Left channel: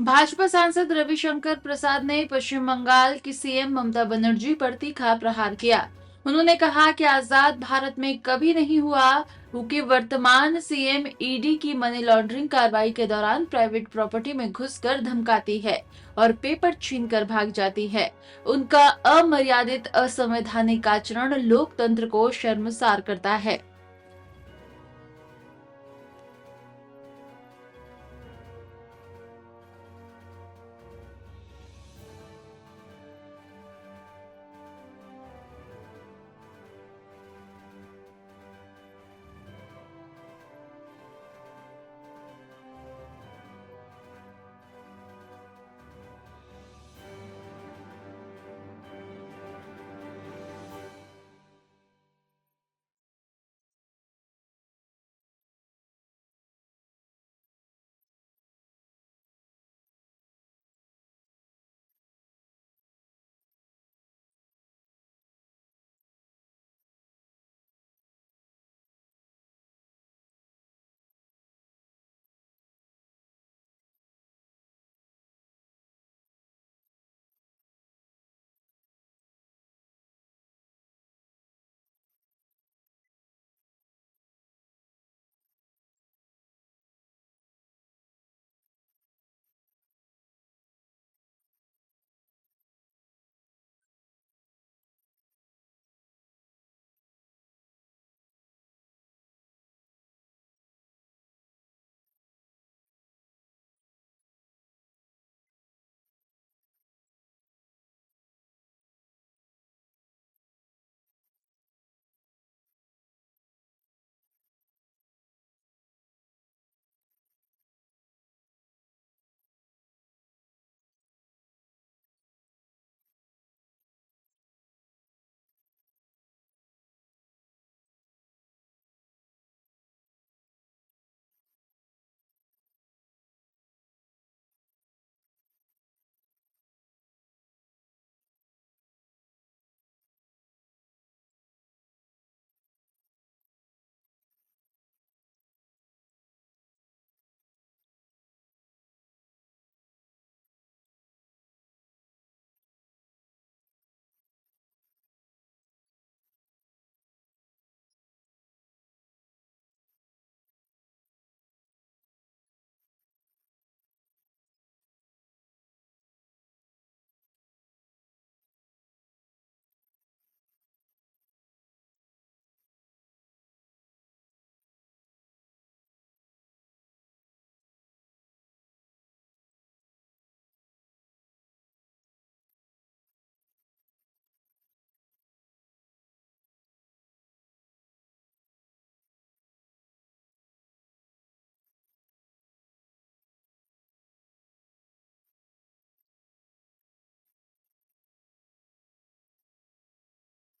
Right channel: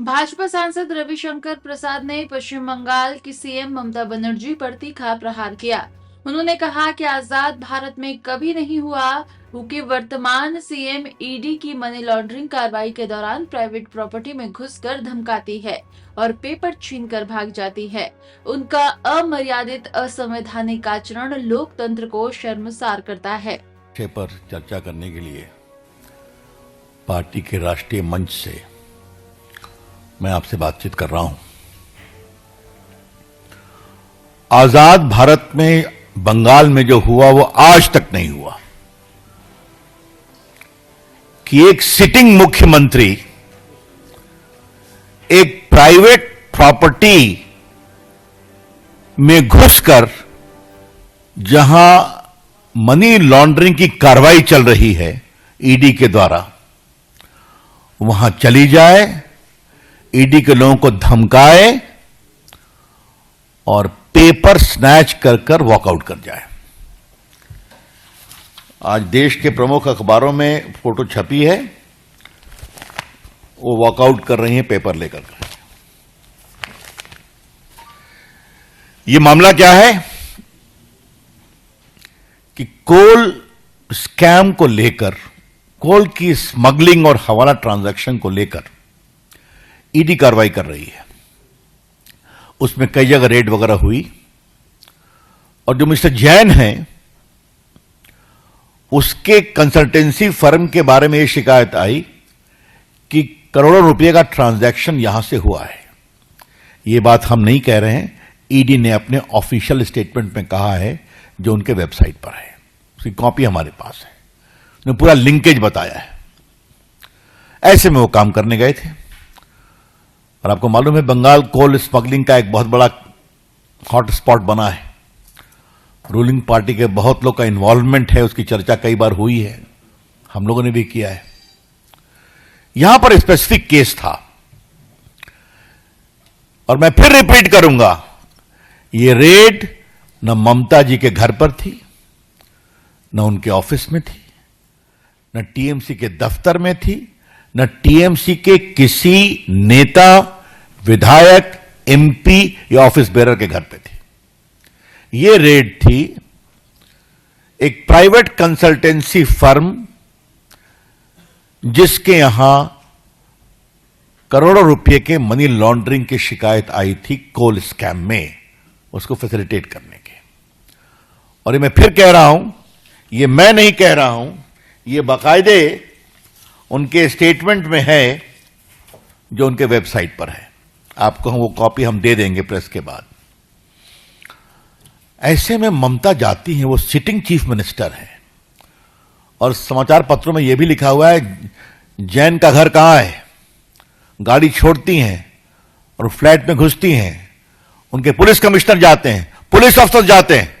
भाजपा सांसद रविशंकर प्रसाद ने पश्चिम बंगाल की सीएम ममता बनर्जी पर तीखा प्रहार किया। उन्होंने कहा कि आजाद भारत में कभी नहीं हुआ क्योंकि वर्तमान सीएम ईडी की मनी लॉन्ड्रिंग कार्रवाई के दौरान प्राइवेट प्रॉपर्टी में घुसकर धमकाती है और पेपर छीनकर भाग जाती है। उनका अमर्यादित असंवैधानिक आचरण लोकतंत्र को शर्मसार करता है। विषय पर चर्चा करने के लिए पार्टी के राष्ट्रीय मंच से मैं आपसे बातचीत कर रहा हूं। आजाद भारत में बंगाल में जो हुआ वो आज तक नहीं हुआ कि एक सिटिंग मुख्यमंत्री एक प्राइवेट प्रॉपर्टी में घुसकर जहां मनी लॉन्ड्रिंग की कार्रवाई चल रही है ईडी के द्वारा, वहां चली जाए, ईडी के लोगों को धमकाए और पेपर स्नैच कर कर वॉकआउट कर जाए। आज देश के प्रमुख अखबारों में फोटो छपी है, वो वॉकआउट कर रही हैं पेपर लेकर। ये मामला क्या है कि कोल स्कैम को लेकर, कोल की स्मगलिंग और हवाला ट्रांजैक्शन को लेकर ईडी कार्रवाई कर रही है। उसमें कई जगह रेड वगैरह हुई और जो मिस्टर जैन हैं उसके कंसल्टेंसी फर्म के बारे में यह शिकायत आई कि करोड़ों रुपए का ट्रांजैक्शन यहां से हुआ है। यह बात हम नहीं कह रहे हैं, ईडी ने अपने ऑफिशियल स्टेटमेंट में कहा है जो उनके वेबसाइट पर है, उसकी कॉपी हमारे पास है। उन्होंने पूरा लिंकेज बताया है। ऐसे में वो काम करने गए थे और आपको मालूम है बंगाल कोल स्मगलिंग का एक बहुत बड़ा हॉट स्पॉट बना है। रूलिंग पार्टी के बहुत लोग का इन्वॉल्वमेंट है, उसकी चर्चा कई बार हुई है, हम लोगों ने भी किया है। यहां पर स्पेसिफिक केस था और मैं फिर रिपीट करूंगा, ये रेड न ममता जी के घर पर थी, न उनके ऑफिस में थी, न टीएमसी के दफ्तर में थी, न टीएमसी के किसी नेता, विधायक, एमपी या ऑफिस बेरर के घर पे थी। यह रेड थी एक प्राइवेट कंसल्टेंसी फर्म जिसके यहां करोड़ों रुपए के मनी लॉन्ड्रिंग की शिकायत आई थी कोल स्कैम में, उसको फैसिलिटेट करने के। और ये मैं फिर कह रहा हूं, ये मैं नहीं कह रहा हूं, ये बाकायदे उनके स्टेटमेंट में है जो उनके वेबसाइट पर है। आपको वो कॉपी हम दे देंगे प्रेस के बाद। ऐसे में ममता जाती हैं, वो सिटिंग चीफ मिनिस्टर है और समाचार पत्रों में यह भी लिखा हुआ है जैन का घर कहां है। गाड़ी छोड़ती हैं और फ्लैट में घुसती हैं, उनके पुलिस कमिश्नर जाते हैं, पुलिस अफसर जाते हैं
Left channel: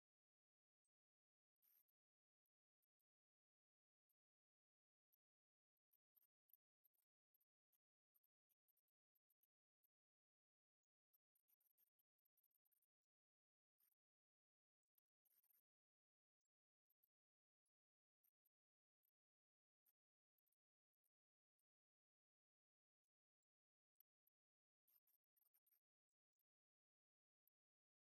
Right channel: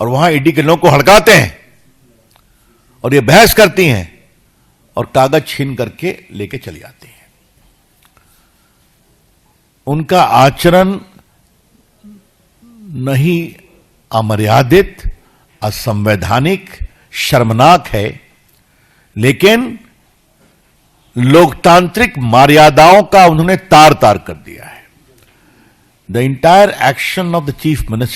और वहां ईडी के लोगों को हड़काते हैं और ये बहस करती हैं और कागज छीन करके लेके चली आती हैं। उनका आचरण नहीं अमर्यादित, असंवैधानिक, शर्मनाक है, लेकिन लोकतांत्रिक मर्यादाओं का उन्होंने तार तार कर दिया है। The entire action of the chief minister